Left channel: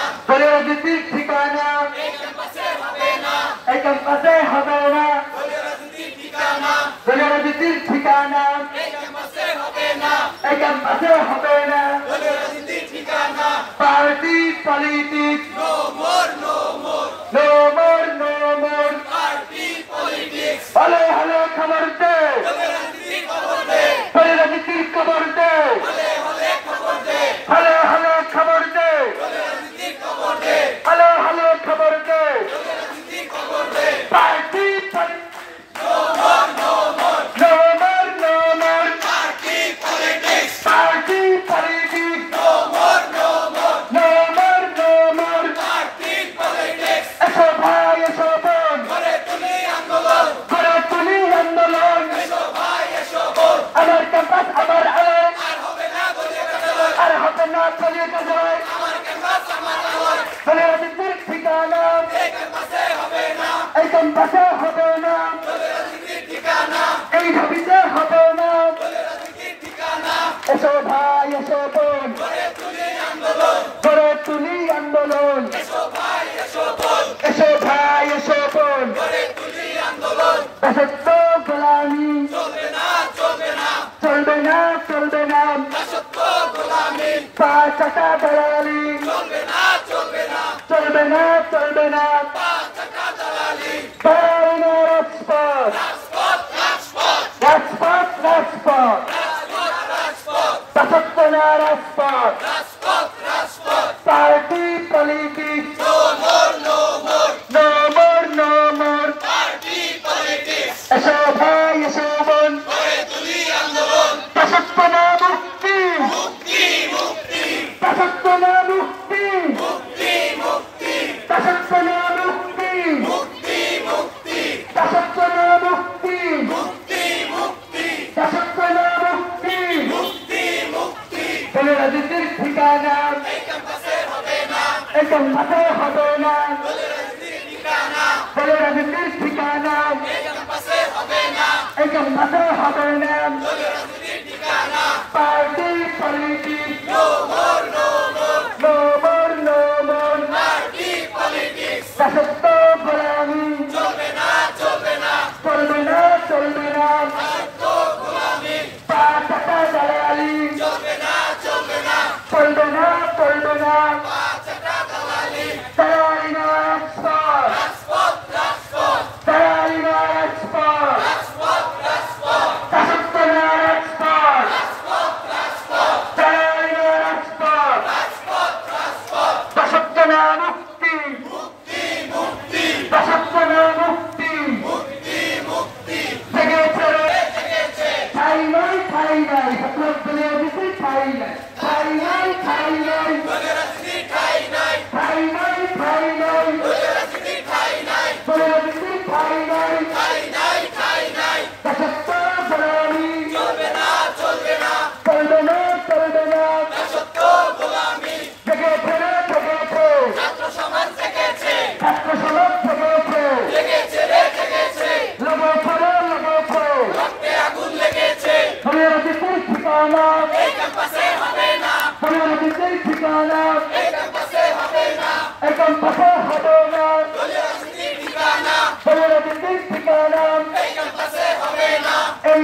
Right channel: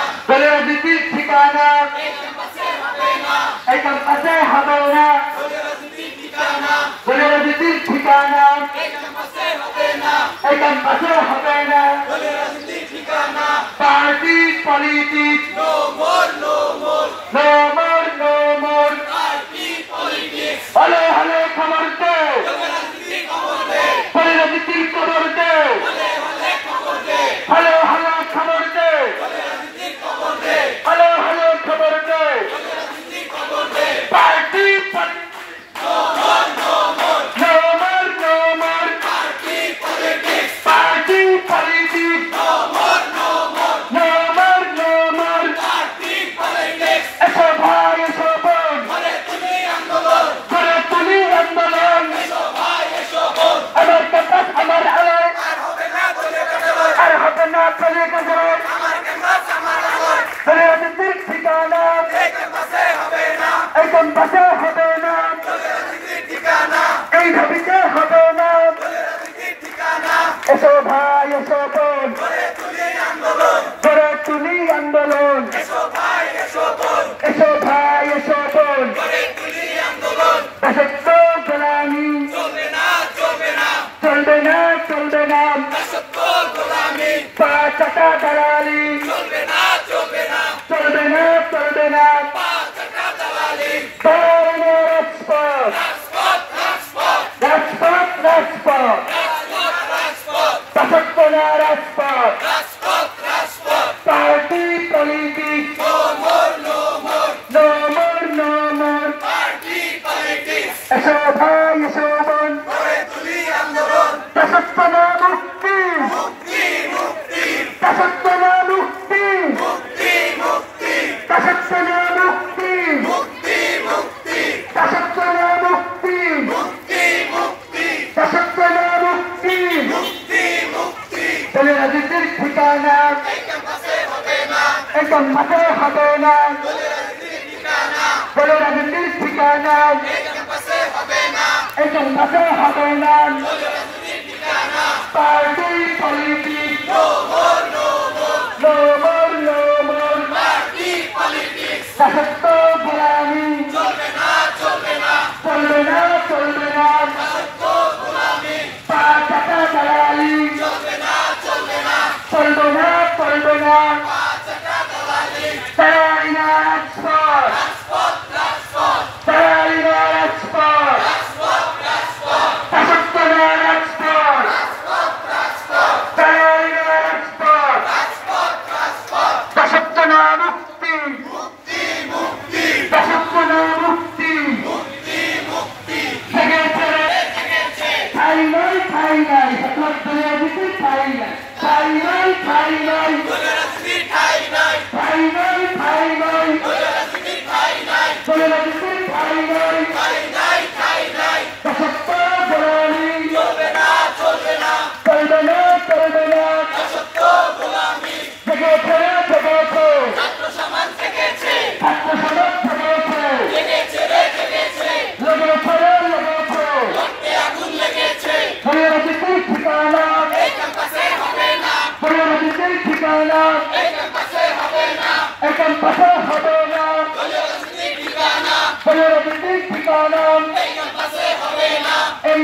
রাজনীতির ঠিকানা এই ক্যাম্পাসে হবে না, রাজনীতির ঠিকানা এই ক্যাম্পাসে হবে না, পার্টি পলিটিক্স নো মোর হলে হলে খবর দে, রাজনীতির খবর দে, হলে হলে খবর দে, হলে হলে খবর দে, পার্টি এসো ভাই এসো বোন গড়ে তুলি আন্দোলন, এসো ভাই এসো বোন দাসত্ব গোলামি চলবে না পা চাকা দালালি চলবে না রাজপথ দাসত্ব না রাজপথ পার্টি পলিটিক্স নো মোর এসো ভাই এসো বোন দাসত্ব না মুক্তি দাসত্ব না মুক্তি দাসত্ব না মুক্তি দাসত্ব না মুক্তি দাসত্ব না মুক্তি রাজনীতির ঠিকানা এই ক্যাম্পাসে হবে না, রাজনীতির ঠিকানা এই ক্যাম্পাসে হবে না, পার্টি পলিটিক্স নো মোর দাসত্ব গোলামি চলবে না পা চাকা দালালি চলবে না দালালি না রাজপথ দাসত্ব না রাজপথ দালালি না রাজপথ দাসত্ব না মুক্তি দাসত্ব না মুক্তি জেগেছে ঠাই নাই সতর্ক দলীয় দিকে ঠাই নাই দাসত্ব গোলামি চলবে না জেগেছে ছাত্র সমাজ জেগেছে লেগেছে রাজনীতির ঠিকানা এই ক্যাম্পাসে হবে না, রাজনীতির ঠিকানা এই ক্যাম্পাসে হবে না, রাজনীতির ঠিকানা এই